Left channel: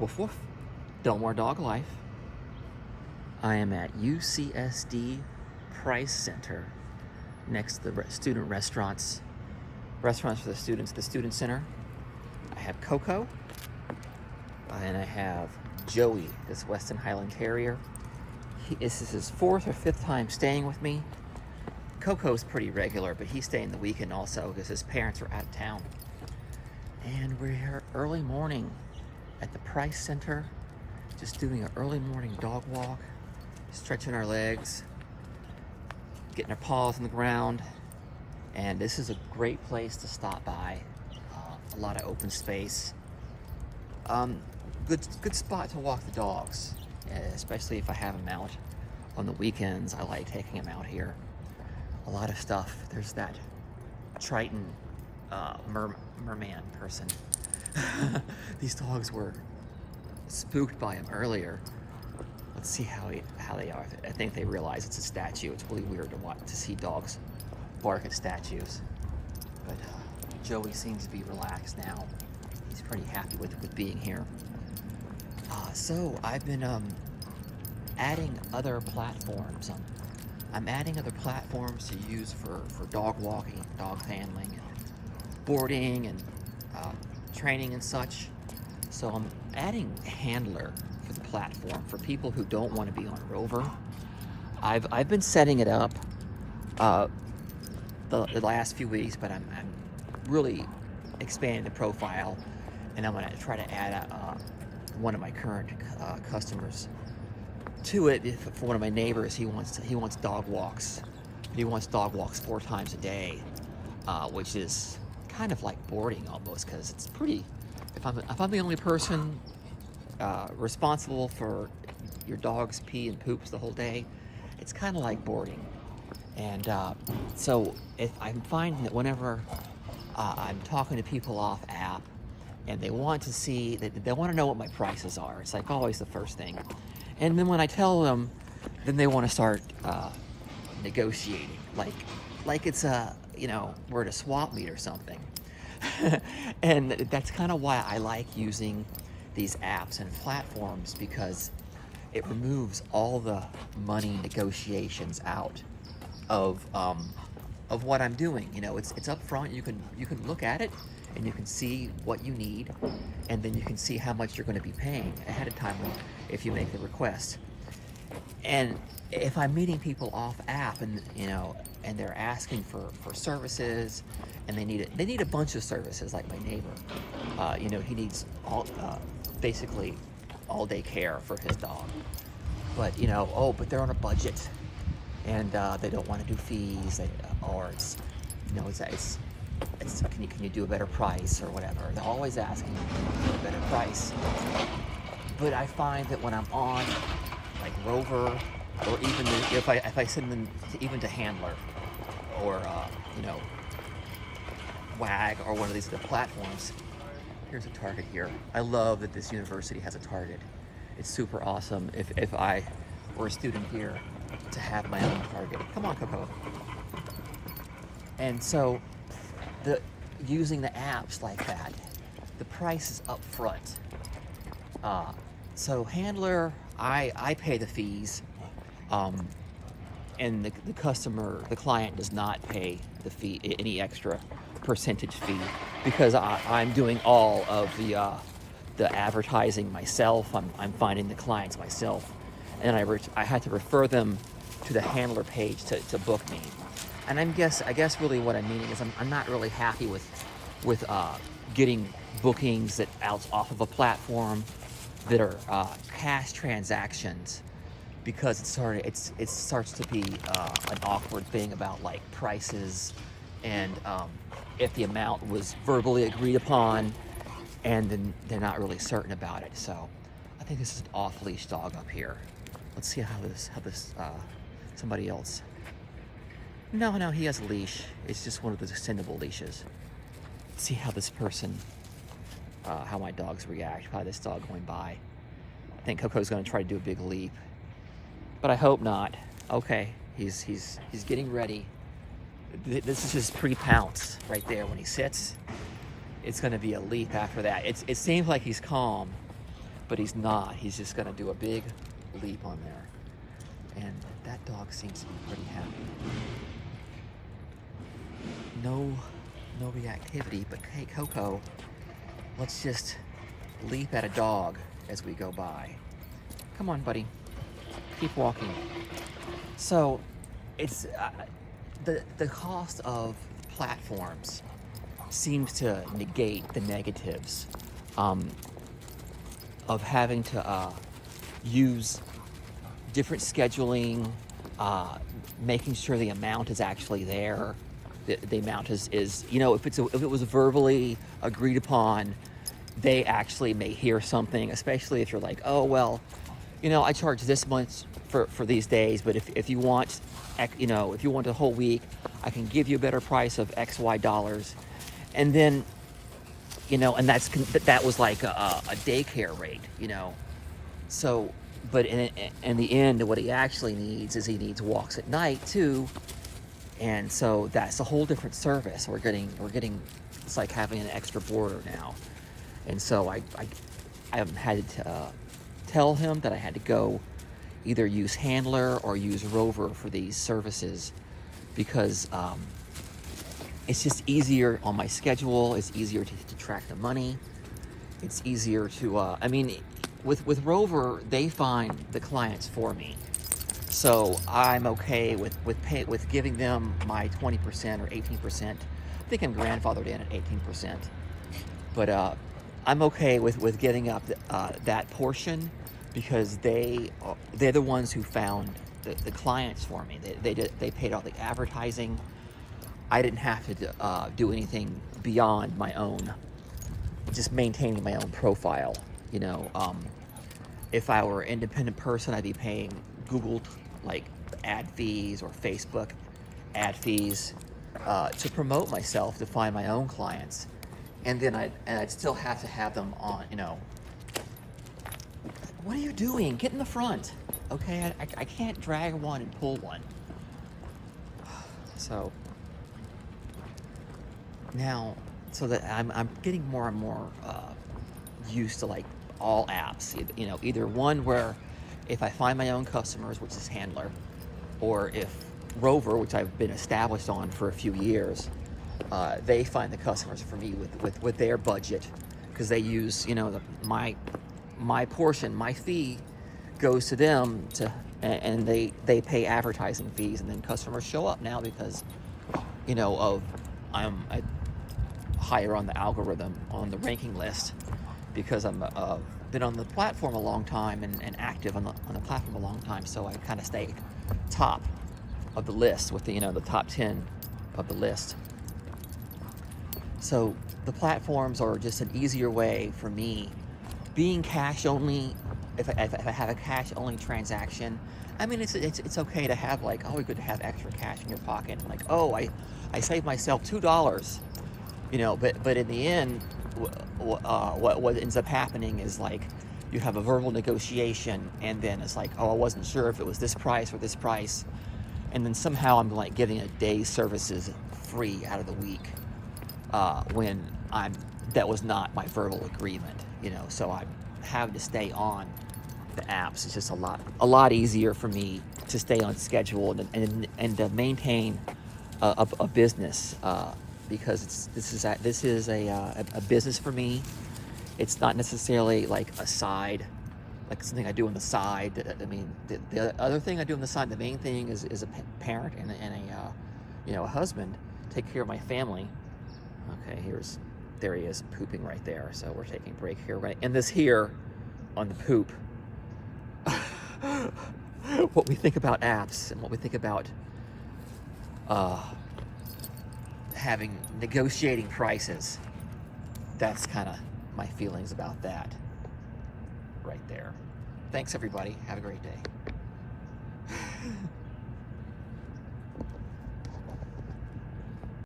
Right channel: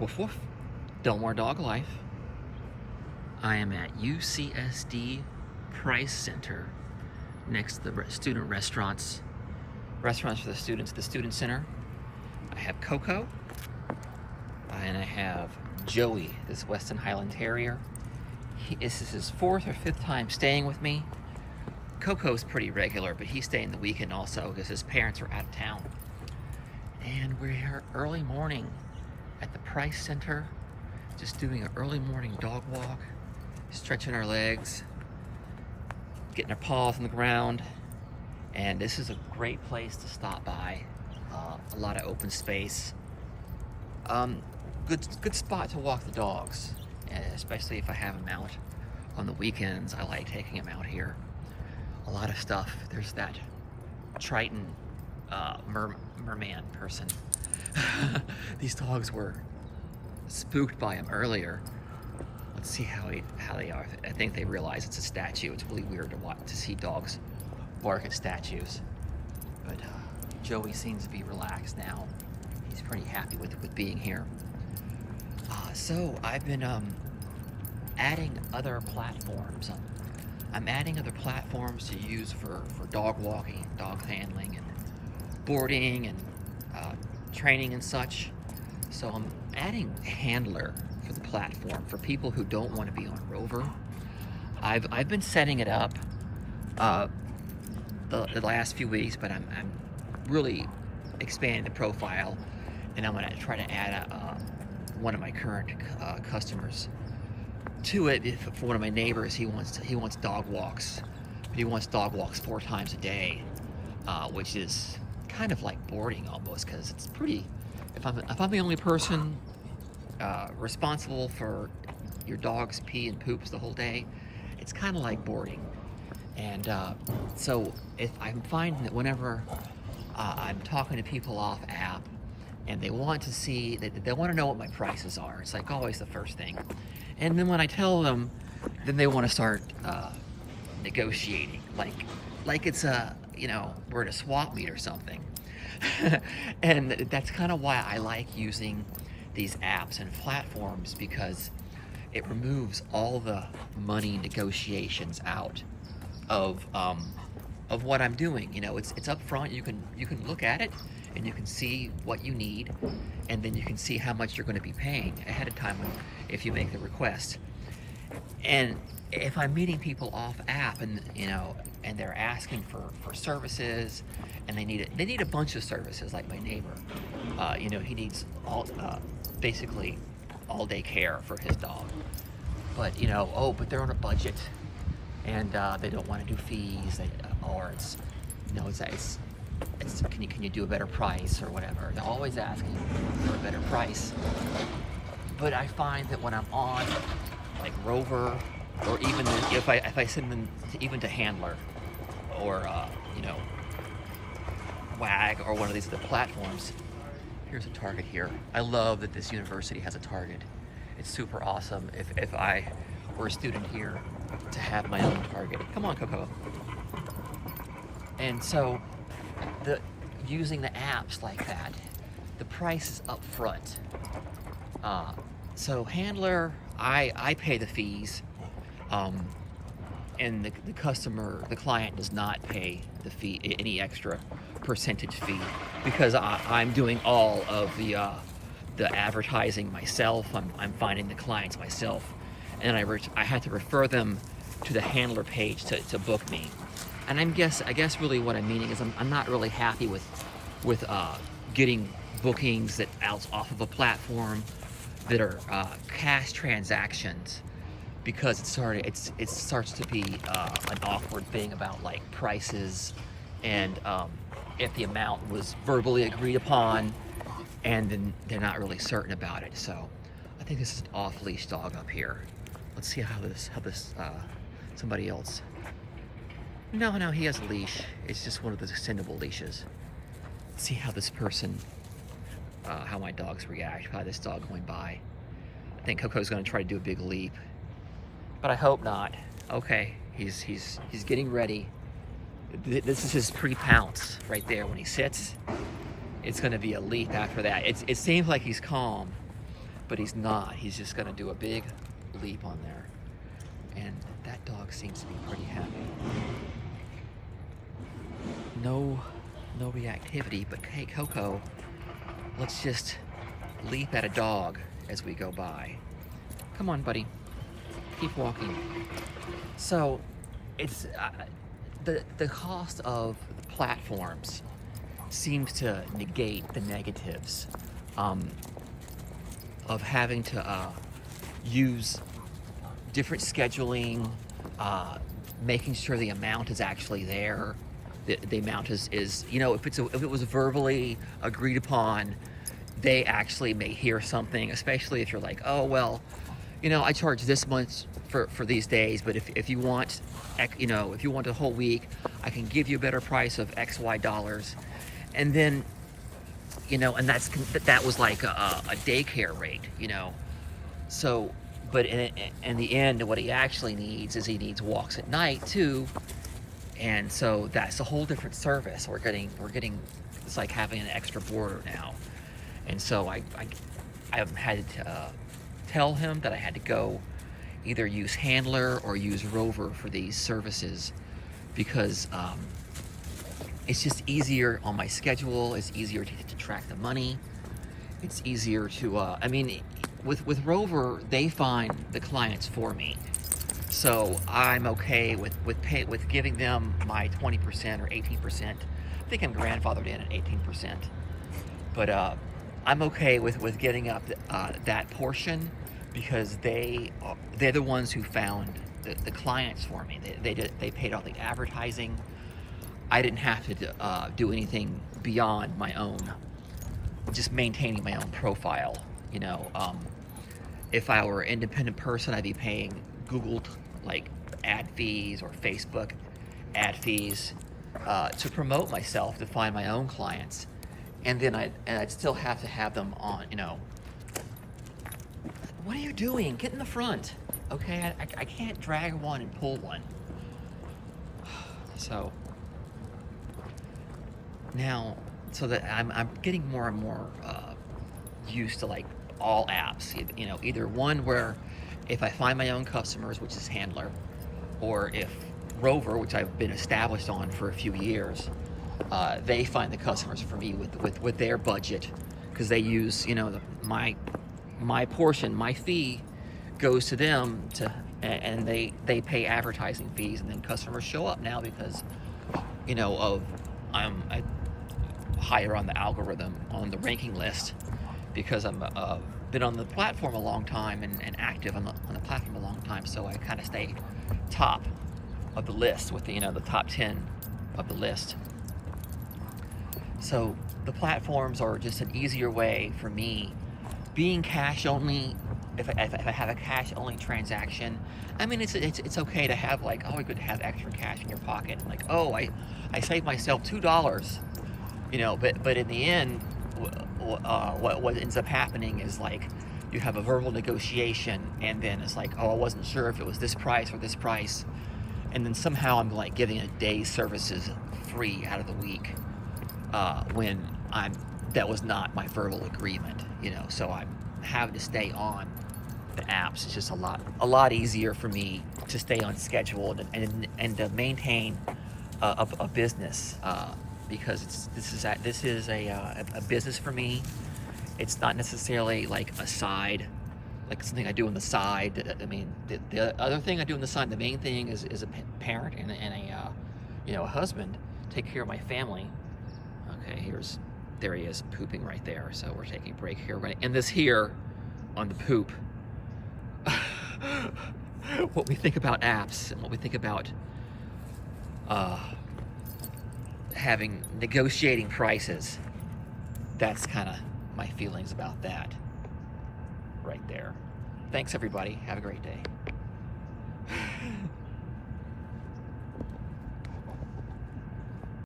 Woof woof. DelMar Dog Life. I am at UCSD Price Center next to the student restaurants for the students, the student center. I have Coco and I have Joey, this Western Highland Terrier. This is his 4th or 5th time staying with me. Coco's pretty regular, but he's staying the weekend also because his parents are out of town. And we're here early morning at the Price Center, just doing an early morning dog walk, stretching our legs, getting our paws on the ground. And this is a great place to stop by. A lot of open space. Good spot to walk the dogs, especially if I have them out on the weekends. I like taking them out here. A lot of stuff. There's that Triton merman person. These dogs were spooked by him earlier. Let's see how they are. I think they realize it's a statue. It's really weird to see dogs bark at statues. But Joey seems to be relaxed now. He's pretty happy with being here. So I've been adding other platforms. I'm adding other platforms to use for dog walking, dog handling, and boarding, and training and such. So I'm adding Handlr for the platform for people who don't want to be on Rover. I've been setting it up the last few weeks, but I'm really expanding the profile, and I'm going to try to add one of my current customers to it. For one of my neighbors, he wants dog walks. He wants dog walks 4 times a day, which is kind of like boarding almost, because it's pretty. If I'm the only person responsible for your dog's pee and poops the whole day, it's kind of like boarding. And so if I'm finding that whenever I'm talking to people off app and they want to see, they want to know what my prices are, it's like always the first thing. And then when I tell them, then they want to start negotiating, like it's we're at a swap meet or something. And that's kind of why I like using these apps and platforms, because it removes all the money negotiations out of what I'm doing. It's up front. You can look at it and you can see what you need, and then you can see how much you're going to be paying ahead of time if you make the request. And if I'm meeting people off app and they're asking for services, and they need a bunch of services, like my neighbor, he needs basically all day care for his dog, but but they're on a budget and they don't want to do fees, or it's can you do a better price or whatever. They're always asking for a better price. But I find that when I'm on like Rover, or even if I send them to Handlr, or Wag, or one of these other platforms. Here's a Target here. I love that this university has a Target. It's super awesome. If I were a student here, to have my own Target. Come on, Coco. And so using the apps like that, the price is up front. So Handlr, I pay the fees, and the client does not pay the fee, any extra percentage fee, because I'm doing all of the advertising myself. I'm finding the clients myself, and I had to refer them to the Handlr page to book me. And I guess really what I'm meaning is I'm not really happy with getting bookings that off of a platform that are cash transactions, because it starts to be an awkward thing about like prices, and if the amount was verbally agreed upon, and then they're not really certain about it. So I think this is an off-leash dog up here. Let's see how this somebody else. No, he has a leash. It's just one of those extendable leashes. Let's see how this person, how my dogs react by this dog going by. I think Coco's going to try to do a big leap, but I hope not. Okay, he's getting ready. This is his pre-pounce right there. When he sits, it's going to be a leap after that. It seems like he's calm, but he's not. He's just gonna do a big leap on there. And that dog seems to be pretty happy. No reactivity, but hey, Coco, let's just leap at a dog as we go by. Come on, buddy. Keep walking. So, it's the cost of the platforms seems to negate the negatives of having to use different scheduling, making sure the amount is actually there. The amount is you know, if it was verbally agreed upon, they actually may hear something, especially if you're like, oh well, you know, I charge this much for these days, but if you want, you know, if you want a whole week, I can give you a better price of XY dollars. And then, you know, and that was like a daycare rate, you know. So, but in the end, what he actually needs is he needs walks at night too. And so that's a whole different service. We're getting, it's like having an extra boarder now. And so I had to tell him that I had to go either use Handlr or use Rover for these services, because it's just easier on my schedule. It's easier to track the money. It's easier to, I mean, with Rover, they find the clients for me. So I'm okay with giving them my 20% or 18%. I think I'm grandfathered in at 18%. But I'm okay with getting up that portion, because they're the ones who found the clients for me. They paid all the advertising. I didn't have to do anything beyond my own, just maintaining my own profile. You know, if I were an independent person, I'd be paying Google like ad fees or Facebook ad fees to promote myself, to find my own clients, and then I'd still have to have them on. You know, what are you doing? Get in the front, okay? I can't drag one and pull one. So now, so that I'm getting more and more used to like all apps. You know, either one where if I find my own customers, which is Handlr, or if Rover, which I've been established on for a few years, they find the customers for me with their budget, because they use, you know, my portion, my fee goes to them and they pay advertising fees, and then customers show up now because, you know, I'm higher on the algorithm, on the ranking list, because I'm been on the platform a long time and active on the platform a long time. So I kind of stay top of the list with the, you know, the top 10 of the list. So the platforms are just an easier way for me. Being cash only, if I have a cash only transaction, I mean, it's okay to have like, oh, good to have extra cash in your pocket. Like, oh, I saved myself $2, you know. But in the end, what ends up happening is like you have a verbal negotiation, and then it's like, oh, I wasn't sure if it was this price or this price, and then somehow I'm like getting a day's services free out of the week, when that was not my verbal agreement, you know. So I'm having to stay on the apps. It's just a lot easier for me to stay on schedule and to maintain a business, because this is a business for me. It's not necessarily like a side, like something I do on the side. I mean, the other thing I do on the side, the main thing is a parent and a you know, a husband, take care of my family. Okay, there he is pooping right there. So we're taking a break here. Right, and this here on the poop. What we think about apps and what we think about negotiating prices, that's kind of my feelings about that right there. Thanks everybody, have a great day.